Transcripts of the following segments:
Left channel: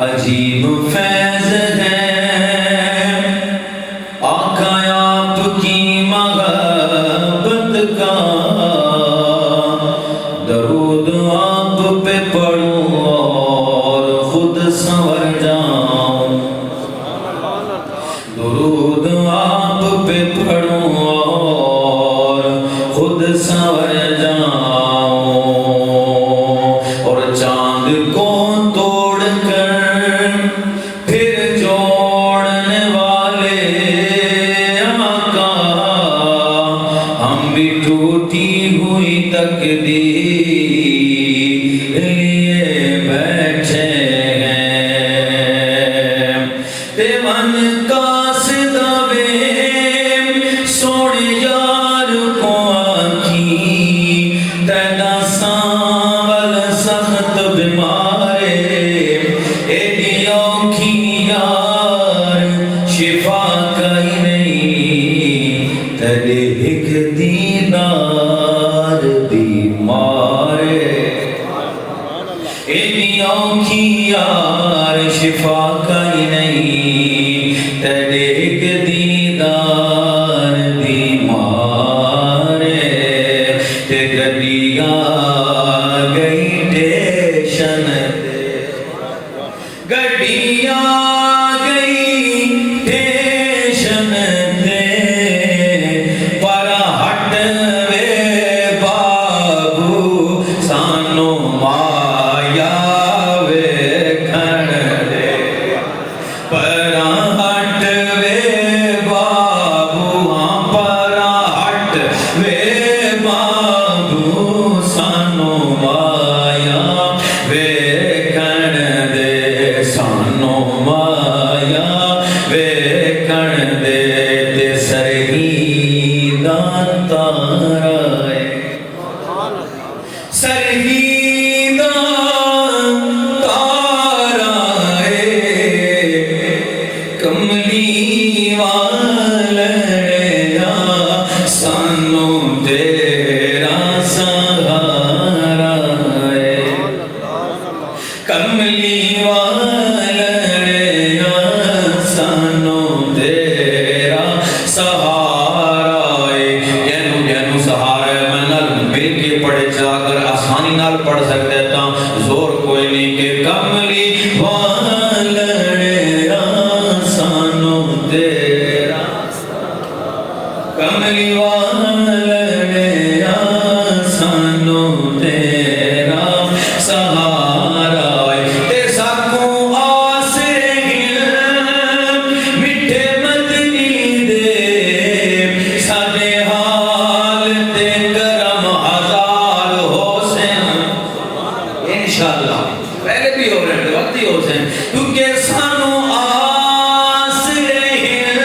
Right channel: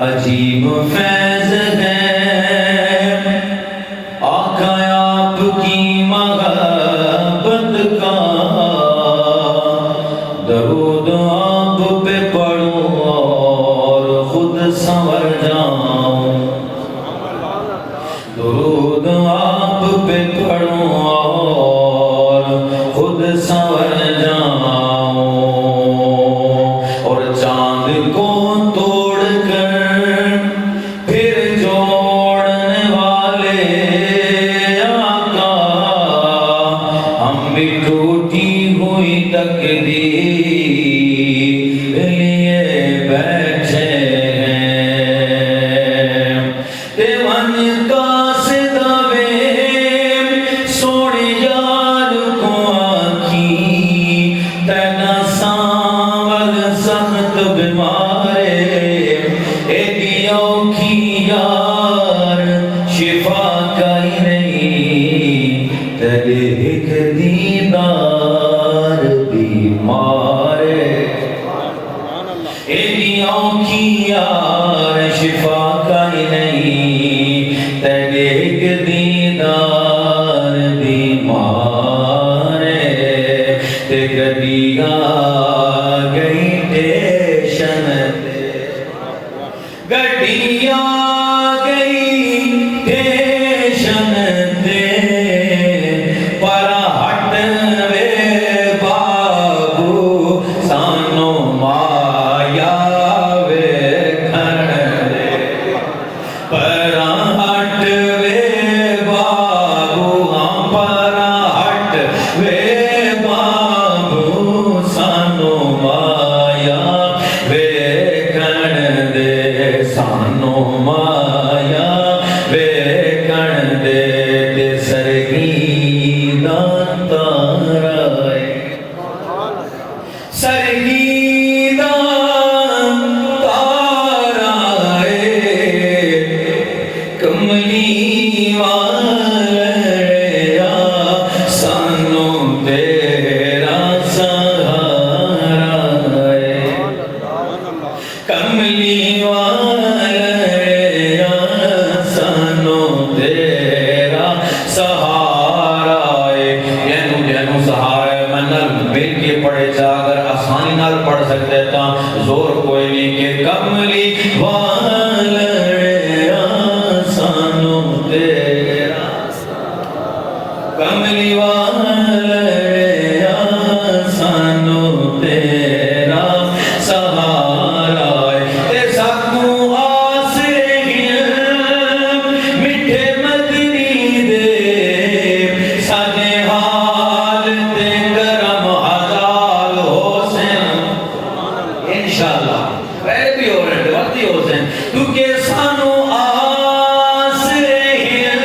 عجیب فیض ہے آقا آپ کی محبت کا، درود آپ پہ پڑھوں اور خود سنور جاؤں، درود آپ پہ پڑھوں اور خود سنور جاؤں، اور چاند کو توڑ کر پھر جوڑنے والے آقا، ہم بھی ٹوٹی ہوئی تقدیر لیے بیٹھے ہیں، دیوان کا صدابے سوڑے یار کو آنکھی تینا ساول سخت بیمارے، ایڈی اوکھی یار شفا کئی نہیں، تیرے ایک دیدار بیمارے، ایڈی اوکھی یار شفا کئی نہیں، تیرے ایک دیدار بیمارے، تے گڈیاں گئی ٹیشن تے، گڈیاں گئی ٹیشن تے، پر ہٹ وے بابو سانو مایا ویکھن دے، پر ہٹ وے بابو، ہاں پر ہٹ وے بابو سانو مایا ویکھن دے، سانو مایا ویکھن دے، تے سرگیدہ تارا ہے، سرگیدہ تارا ہے، کملی والیا سانو تیرا سہارا ہے، کملی والیا سانو تیرا سہارا ہے، گینو سہارا ہے، میں نال مل کے پڑھے چاہ کر آسانی نال پڑھ سکتے تا زور کوئی نہیں کہ کملی والیا سانو تیرا، کملی والیا سانو تیرا سہارا ہے، تے ساکوں آسرے گل مٹھے مدنی دے، سانے حال تے کرم ہزار حسین، انشاءاللہ پہلے بھی ہو رہے ہیں وقت ہی حسین، کیونکہ سانو آسرے گل،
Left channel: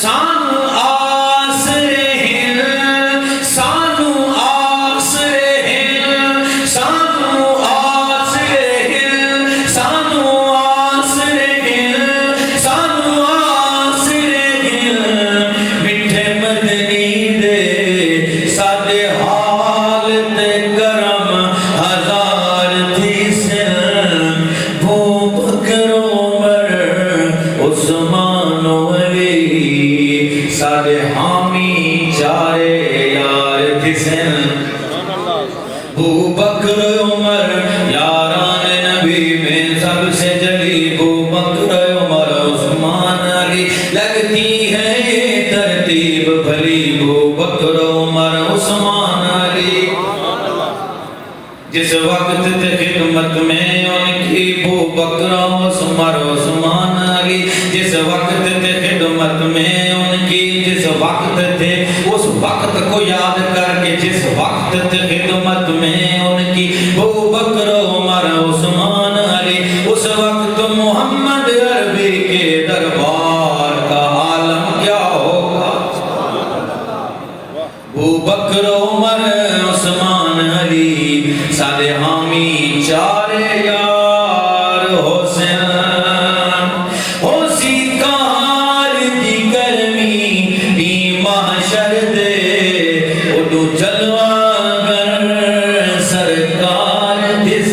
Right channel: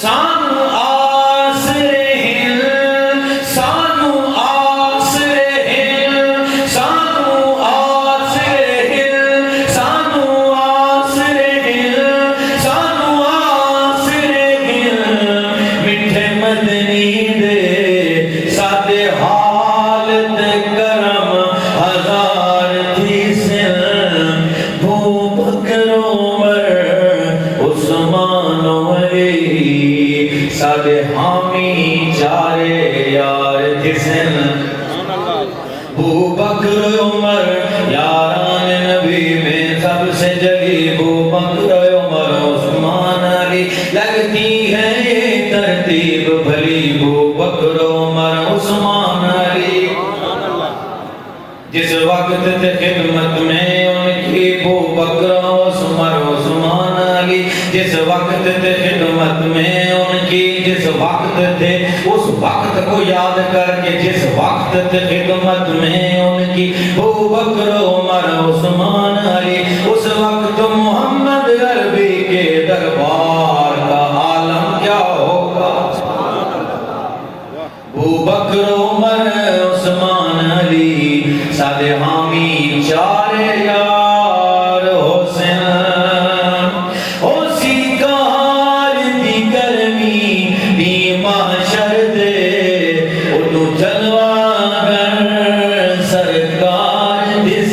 سانو آسرے گل، سانو آسرے گل، سانو آسرے گل، سانو آسرے گل، سانو آسرے گل، مٹھے مدنی دے، سادے حال تے کرم ہزار تھی سن، بھو بکر عمر عثمان و علی، سادے حامی چارے یار تھی سن، بھو بکر عمر یاران نبی میں سب سے جلی، بھو بکر عمر عثمان علی، لگتی ہے یہ ترتیب بھلی، بھو بکر عمر عثمان علی، جس وقت تھے خدمت میں ان کی بھو بکر عمر عثمان علی، جس وقت تھے خدمت میں ان کی، جس وقت تھے اس وقت کو یاد کر کے، جس وقت تھے خدمت میں ان کی بھو بکر عمر عثمان علی، اس وقت محمد عربی کے دربار کا عالم کیا ہوگا، بھو بکر عمر عثمان علی، سادے حامی چارے یار حسین، اسی کار دی گرمی بھی محشر دے، اڈو جلوہ گر سرکار دس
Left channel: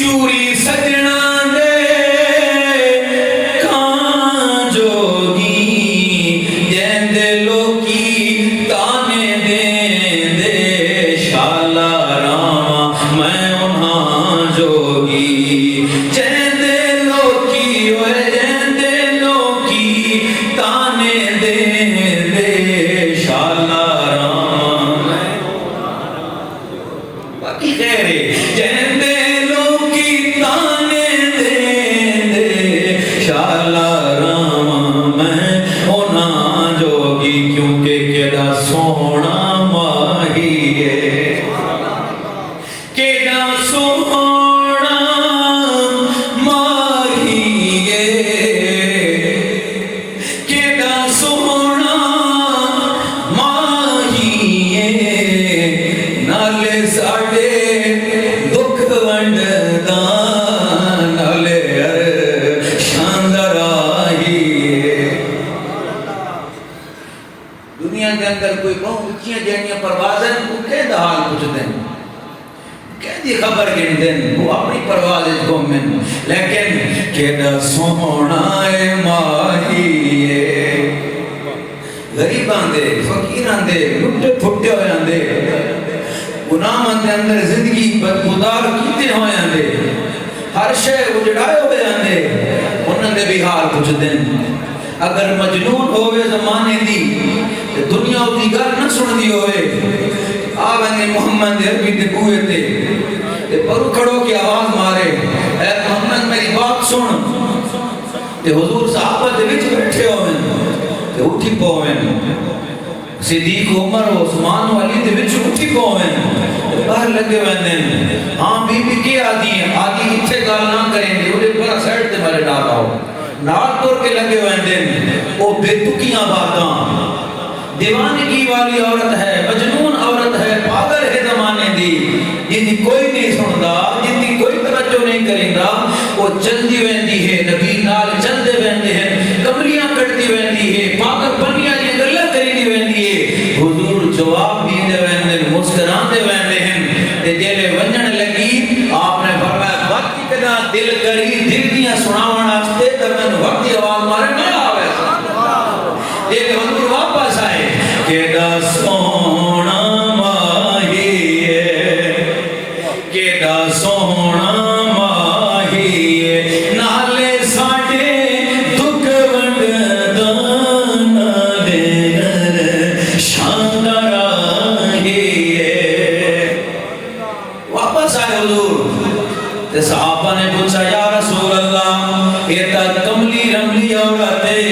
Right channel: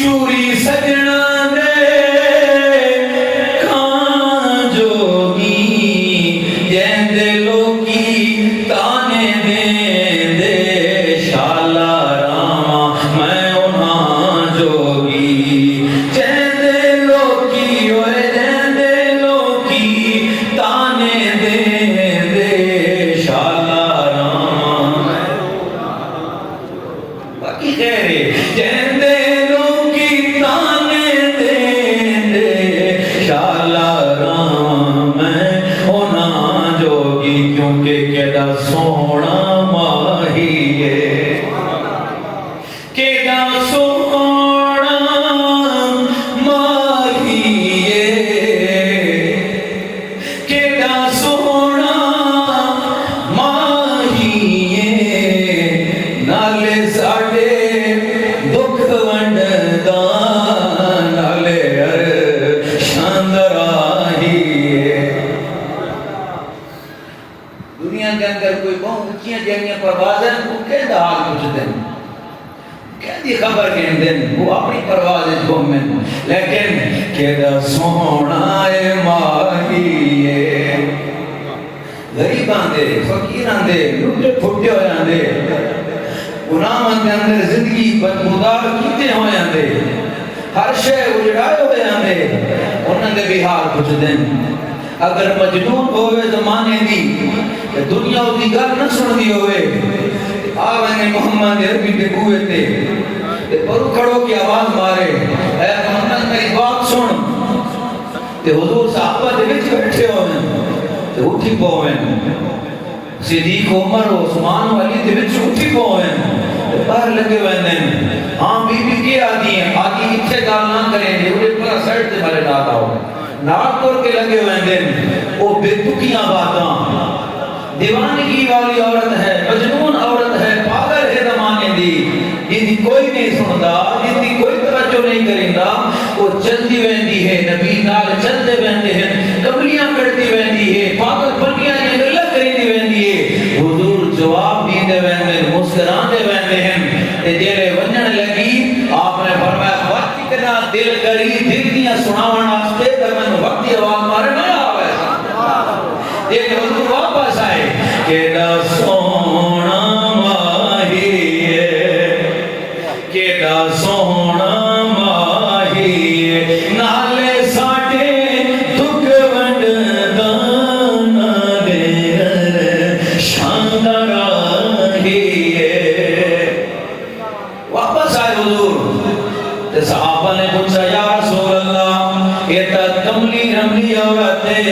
چوری سجنا دے کھان جوگی جیندے لوکی تانے دے دے شالا راما میں انہاں جوگی جیندے لوکی اوے جیندے لوکی تانے دے دے شالا راما میں باقی خیر ہے جیندے لوکی تانے دے دے شالا راما میں انہاں جوگی کیونکہ کیڑا سونا ماہی ہے کیڑا سونا ماہی ہے کیڑا سونا ماہی ہے نالے ساڑے دکھ ونڈدا نالے شاندر آہی ہے دنیا کے اندر کوئی بہت اچھیاں جہنیاں پروازیں وہ کہہ حال پوچھ دیں کہہ دی خبر گن دیں وہ اپنی پروازیں گھومیں لیکن کہہ سونا اے ماہی ہے غریباں دے فقیراں دے لٹے پھٹے ہویاں دے گناہاں دے اندر زندگی بدبودار کیتے ہویاں دے ہر شے اجڑائے ہویاں دے انہاں دے بھی حال پوچھ دیں اگر مجنون ہوئے زمانے دی تے دنیا دی گل نہ سن دی ہوئے آویں محمد دے عربی تے بوئے تے پرو کھڑو کی آواز مارے اے محمد میری بات سن تے حضور صحابہ دے وچ بیٹھے ہوئے تے اٹھی پوئے صدیق عمر عثمان علی دے وچ اٹھی پوئے باہر لگے ویندے ہاں بی بی کی آدھی ہیں آدھی اتھے گال نہ کریں گے انہیں پورا سائٹ تے مارے نہ آؤ نال پور کے لگے ویندے او بے تکیاں باتاں دیوانگی والی عورت ہے مجنون عورت ہے پاگل ہے زمانے دی جن دی کوئی نہیں سندا جن دی کوئی توجہ نہیں کریندا وہ چلدی ویندی ہے نبی نال چلدے ویندے ہیں کبریاں کٹدی ویندی ہے پاگل پنیاں دی گلاں کریندی ویندی ہے حضور جواب دیندے ویندے مسکراندے ویندے ہیں تے جیلے ونجن لگی آپ نے فرمایا وقت کنا دل کری دل دیاں سناون واسطے تے میں وقت دی آواز مارے نہ آوے یہ حضور واپس آئے کیڑا سونا ماہی ہے کیڑا سونا ماہی ہے نالے ساڑے دکھ ونڈدا نالے شاندر آہی ہے واپس آئے حضور تے صحابہ نے پوچھا یا رسول اللہ یہ تا کملی رملی عورت ہے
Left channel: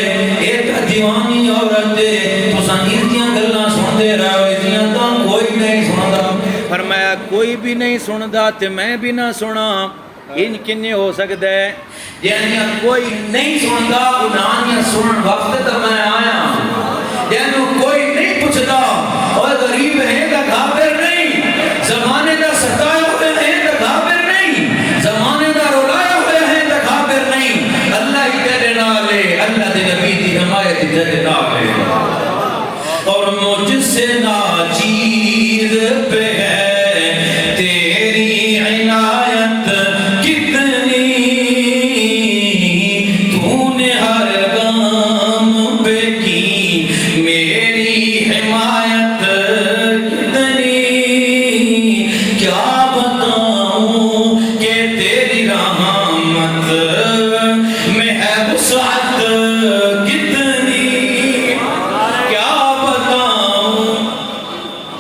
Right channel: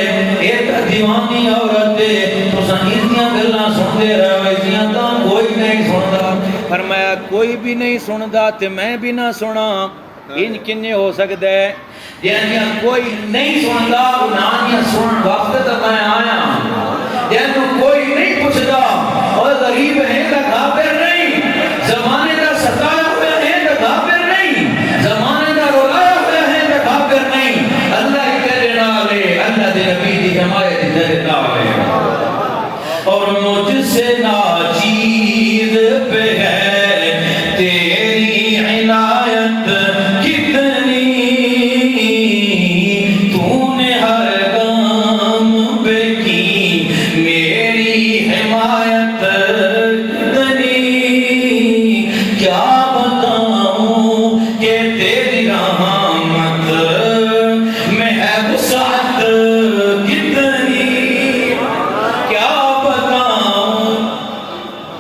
یہ تا دیوانی عورت ہے تو سنیتیاں گلنا سن دے رہا ہے جیاں تا کوئی نہیں سندا فرمایا کوئی بھی نہیں سندا تے میں بھی نہ سنا ان کنے ہو سکتا ہے جیاں کوئی نہیں سندا انہاں سنن وقت تے میں آیا جیاں کوئی نہیں پوچھدا اور غریب ہے تا کافر نہیں زمانے دا ستایا ہوئے ہیں تا کافر نہیں زمانے دا رولایا ہوئے ہیں تا کافر نہیں اللہ ہی کہہ نالے اللہ دے نبی دی حمایت کہہ نالے اور مجھ سے ناچیز پہ ہے تیری عنایت کتنی تو نے ہر گام پہ کی میری حمایت کتنی کیا بتاؤں کہ تیری رحمت میں ہے وسعت کتنی کیا بتاؤں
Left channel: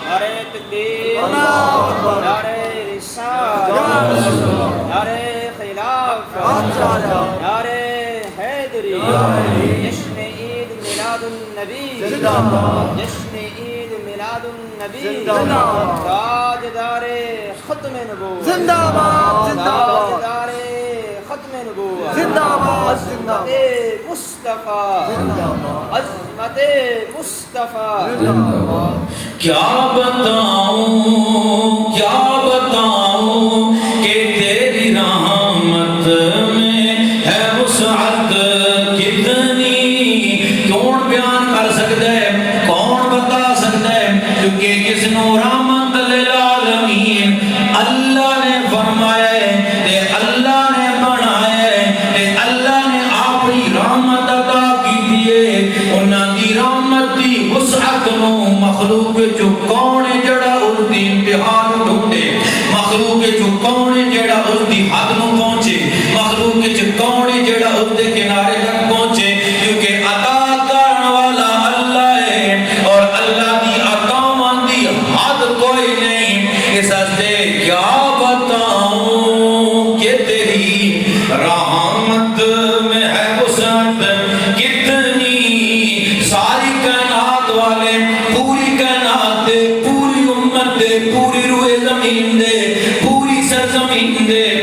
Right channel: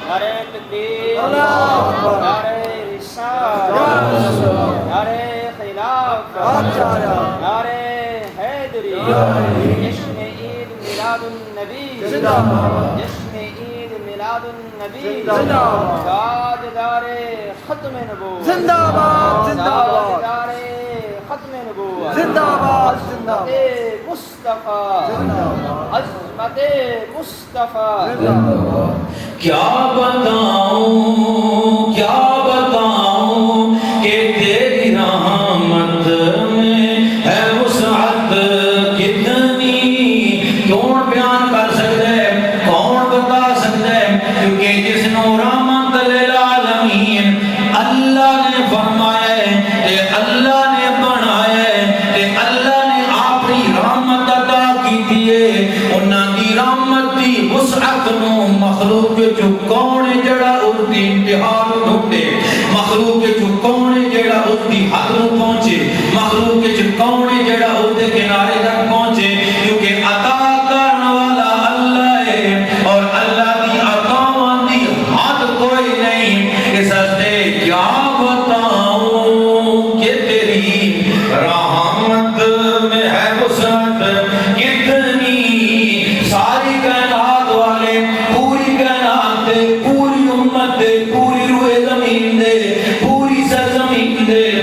نعرہ تکبیر نعرہ رسالت نعرہ خلافت نعرہ حیدری جشن عید میلاد النبی جشن عید میلاد النبی تاجدار ختم نبوت زندہ باد زندہ باد تاجدار ختم نبوت زندہ باد زندہ باد مصطفیٰ عظمت مصطفیٰ کیا بتاؤں کہ تیری رحمت میں ہے وسعت کتنی کون بیان کر سکتا ہے کون بتا سکتا ہے کیونکہ جس نو رحمت للعالمین اللہ نے فرمایا ہے کہ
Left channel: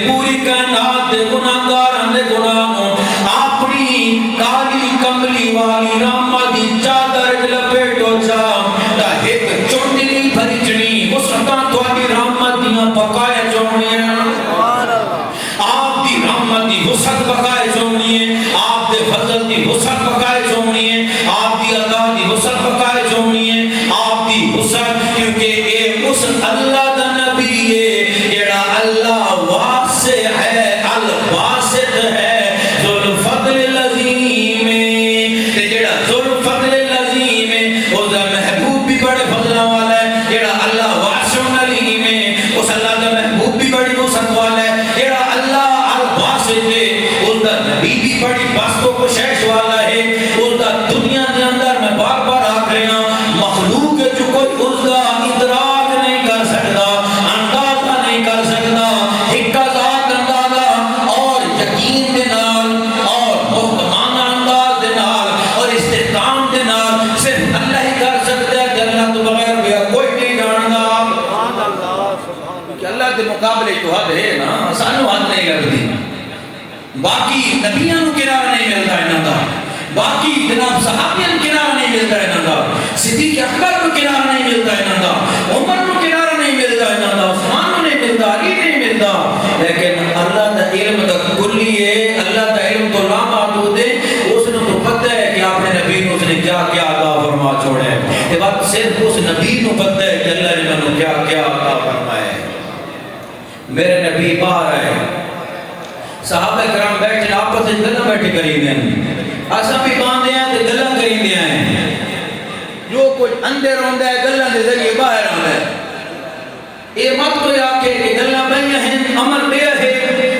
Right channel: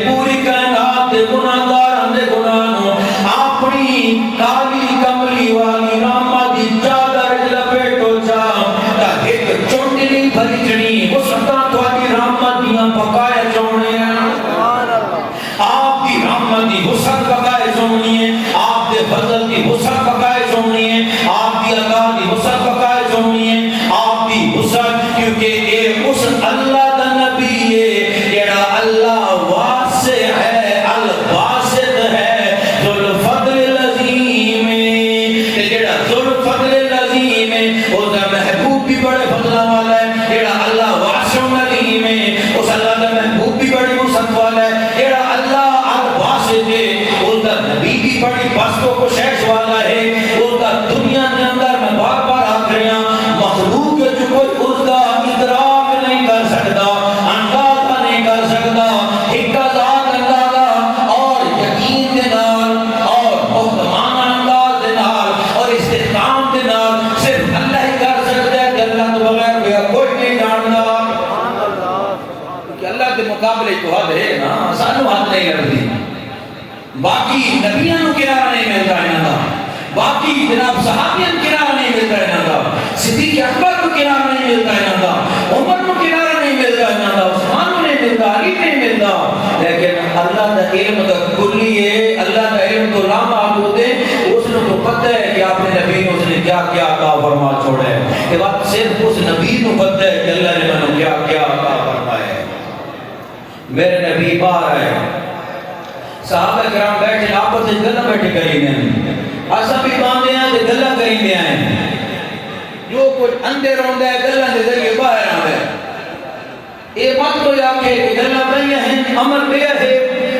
پوری کائنات دے گناہگاراں دے گناہ نوں اپنی کالی کملی والی رحمت دی چادر وچ لپیٹو جا تا ایک چنڈلی بھرجنی وسطاں تہاڈی رحمت دیاں بقائے چونیاں سبحان اللہ آپ دی رحمت دی وسعت بقائے چونی ہے آپ دے فضل دی وسعت بقائے چونی ہے آپ دی عطا دی وسعت بقائے چونی ہے آپ دی وسعت کیونکہ اے اس اللہ دا نبی ہے جڑا اللہ واسع ہے الباسط ہے ذو الفضل العظیم تے جڑا ذو الفضل العظیم ہے اس دا محبوب بھی بڑے فضل والا ہے جڑا اللہ واسع العلیم ہے اس اللہ دا محبوب بھی بڑی وسعت والا ہے جڑا اللہ الباسط ہے اس دا نبی بھی بڑی بسط و کوشش والا ہے اس دا دنیا کے اندر میں بار بار آکھ رہا ہوں مخلوق ہے جو کوئی اس دا ادراک نہیں کر سکتا اندازہ نہیں کر سکتا ایک ذات اندازہ اور یقین دے نال اور محکمانہ انداز دے نال اور استحکام دے نال صرف اللہ ہی کر سکتا ہے کہ اللہ تو بغیر کوئی نہیں جانتا کہ اللہ کے مقابلے تو حد ہے نا سانو حد نہیں لگتی باقی نبیوں کو کنارہ نہیں ملتا انہاں دا باقی جناب صحابیوں کو کنارہ نہیں ملتا انہاں دا صدیق اکبر کو کنارہ نہیں ملتا انہاں دا عمر کو کنارہ نہیں ملتا انہاں دا عثمان کو نہیں ملتا علی نہیں ملتا لیکن اللہ دا علم دا کلی ہے اللہ دا علم تو لا محدود ہے اس نے تو پتہ ہے کہ آپ نے نبی نے اس نے کیا کیا عطا فرما چھوڑا ہے یہ بات صرف اس نبی کو پتہ ہے کہ اللہ نے منو کیا کیا عطا فرمایا ہے میرے نبی باہر آئے صحابہ کرام بیٹھے آپس سے گلہ بیٹھے کریں ہیں آسا بھی باندھے ہیں تے گلہ کریں ہیں جو کچھ اندر ہوندہ ہے گلہ دے ذریعے باہر آندہ ہے یہ مت کوئی آپ کے گلہ بنیا ہیں عمل بیا ہے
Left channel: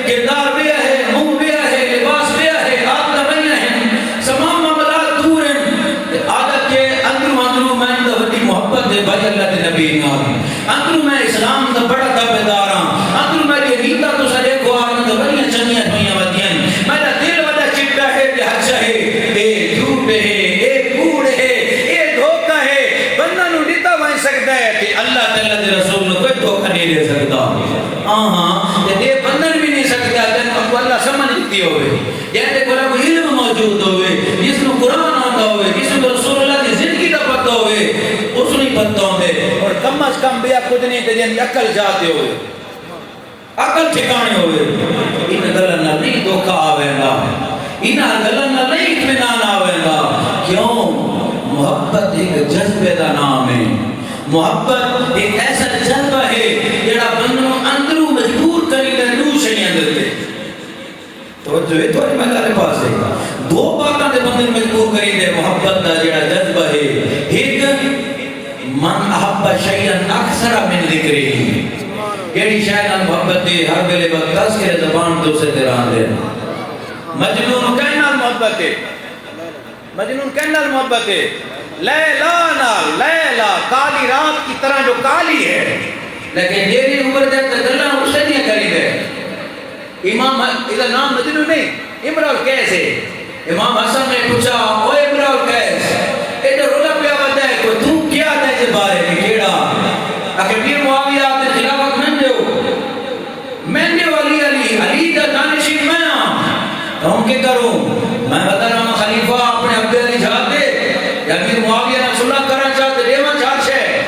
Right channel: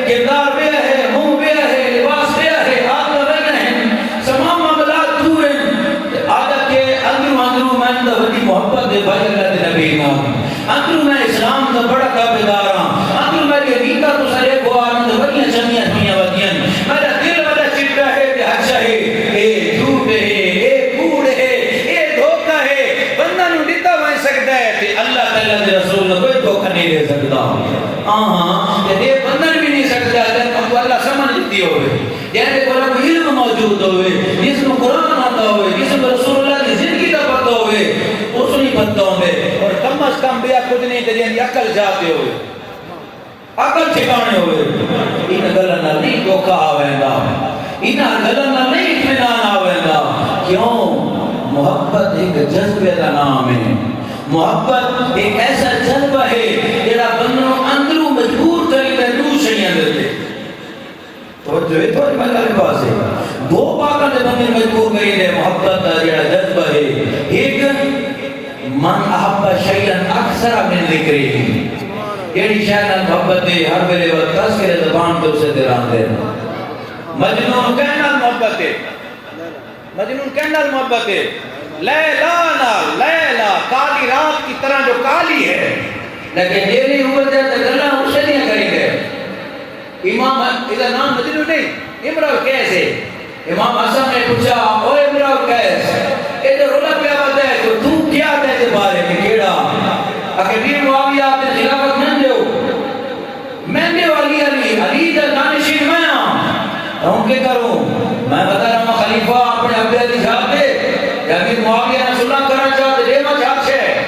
کردار بیا ہے منہ بیا ہے لباس بیا ہے آدھا بنیا ہیں سمام معاملات دور ہیں عادت کے اندروں میں اندر ودی محبت دے بھائی اللہ دے نبی نام اندروں میں اسلام دا بڑا تابعدار ہوں اندروں میں یہ ریتا تو سارے گوارن دے بڑی چنیاں دنیا ودیاں میرا دل ودا چٹا ہے تے حچا ہے اے جھوٹ ہے اے کوڑ ہے اے دھوکا ہے بندہ نو دیتا وائن سکتا ہے کہ اللہ تعالیٰ دے رسول نے کوئی دھوکا نہیں دے سکتا یہ بندہ بھی نہیں سکتا تین ابو اللہ سمجھ دیتی ہوئے یعنی قرآن علم موجود ہوئے جس میں قرآن آتا ہوئے جس میں رسول اللہ کی زندگی کا پتہ ہوئے اس نہیں پتہ ہوئے اور کم از کم بیا کچھ نہیں تے جن عقل جاتے ہوئے عقل ٹھکانے ہوئے ان گلن نہیں دھوکا آوے گا ان گلن نہیں اطمینان آوے گا کیوں محبت ایک جذبے کا نام ہے محبت ایک ایسا جذبہ ہے جڑا بندوں اندروں مجبور کری دے نو شیاں دے توجہ ہے تو میرے پاس ہے دو باتاں دے بندے مجبور کری دے محبت دا جڑا جذبہ ہے ایک من احب شیئا اکثر من ذکرہ ایڑی شاید محبت دے ہر ویلے وقت تذکرہ زبان تو سے دران دے مجنون کہنا محبت ہے مجنون کہنا محبت ہے لیلا نال لیلا کالی رات کی طرح جو کالی ہے لیکن میری عمر دے تگلہ اسے نہیں کری دے امام ادھا نام مجنون نہیں امراؤ کیسے امام حسن نے پوچھا او امراؤ کیسے ایڈے رولا پیا بتا ہے تو کیا دے جے بارے نکیڑا اگر بھی معاویہ آتے خلافت میں نے علی علی علی دا دانشین میں ہوں کے کروں میں بتا رہا ہوں خلیفہ اپنے عبد علی جھاگ دے یا امیر معاویہ نہ صلح کرنا چاہتے دیما چاہتے ہے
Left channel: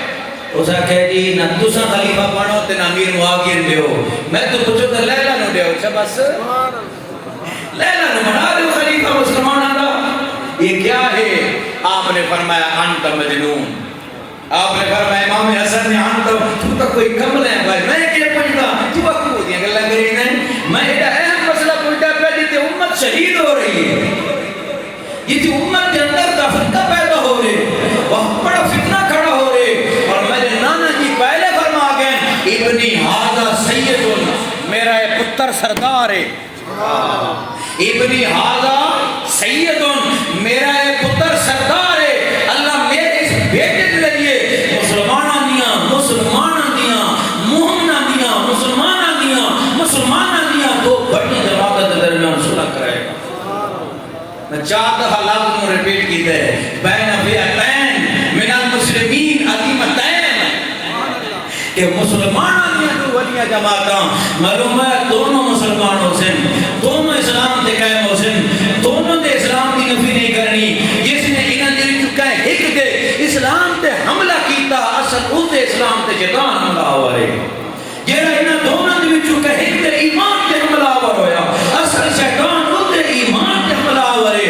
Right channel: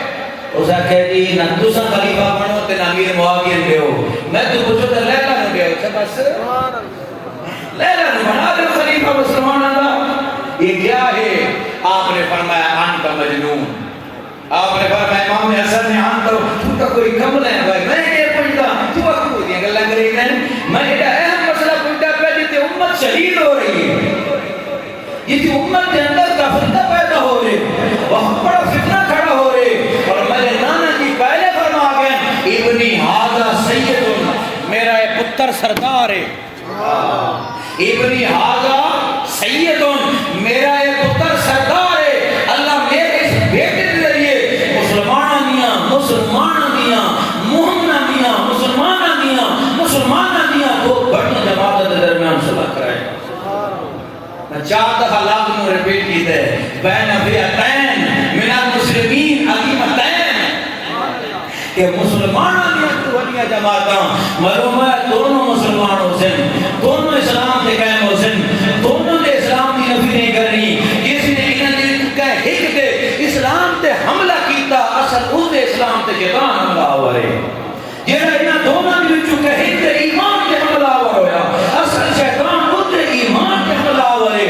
اسا کہہ جی نہ تسا خلیفہ بنو تے نہ امیر معاویہ دے ہو میں تو پوچھو تے لیلا نو دے ہو اچھا بس لیلا نو بنا دے خلیفہ مسلمان دا یہ کیا ہے آپ نے فرمایا انت مجنون آپ نے فرمایا امام حسن نے انت تو کوئی کمل ہے بھائی میں یہ پوچھتا تو وقت دیاں گلاں کری نے میں ایڈا اہم مسئلہ پوچھتا پہ جتے امت شہید ہو رہی ہے یہ جو امت کے اندر کا فرقہ پیدا ہو رہے وہاں بڑا فتنہ کھڑا ہو رہے اور میرے نانا جی پہلے فرما گئے ابنی حاضر سید میرا پتر سردار ہے ابنی حاضر سید میرا پتر سردار ہے اللہ میرے اس بیٹے کے ذریعے مسلمانہ دیا مومنہ دیا مسلمانہ دیا تو بڑی جماعت درمیان صلح کرائے گا میں 4 دفعہ لفظ میں ریپیٹ کیتا ہے بین فئتین من المسلمین عظیمتین کہ مسلمانہ دیا تو دیا جماعتاں معلوم ہے دونوں مسلمان ہو سن دونوں اسلام تے قائم ہو سن دونوں دے اسلام دی نفی نہیں کرنی جس نے انہاں دے وچ کہے ہک دے اسلام تے حملہ کیتا اصل اس دے اسلام تے شیطان حملہ ہوا ہے جیڑا انہاں دونوں دے وچ کہے ہک دے ایمان تے حملہ ہوا ہویا اصل شیطان اس دے ایمان تے حملہ ہوا ہے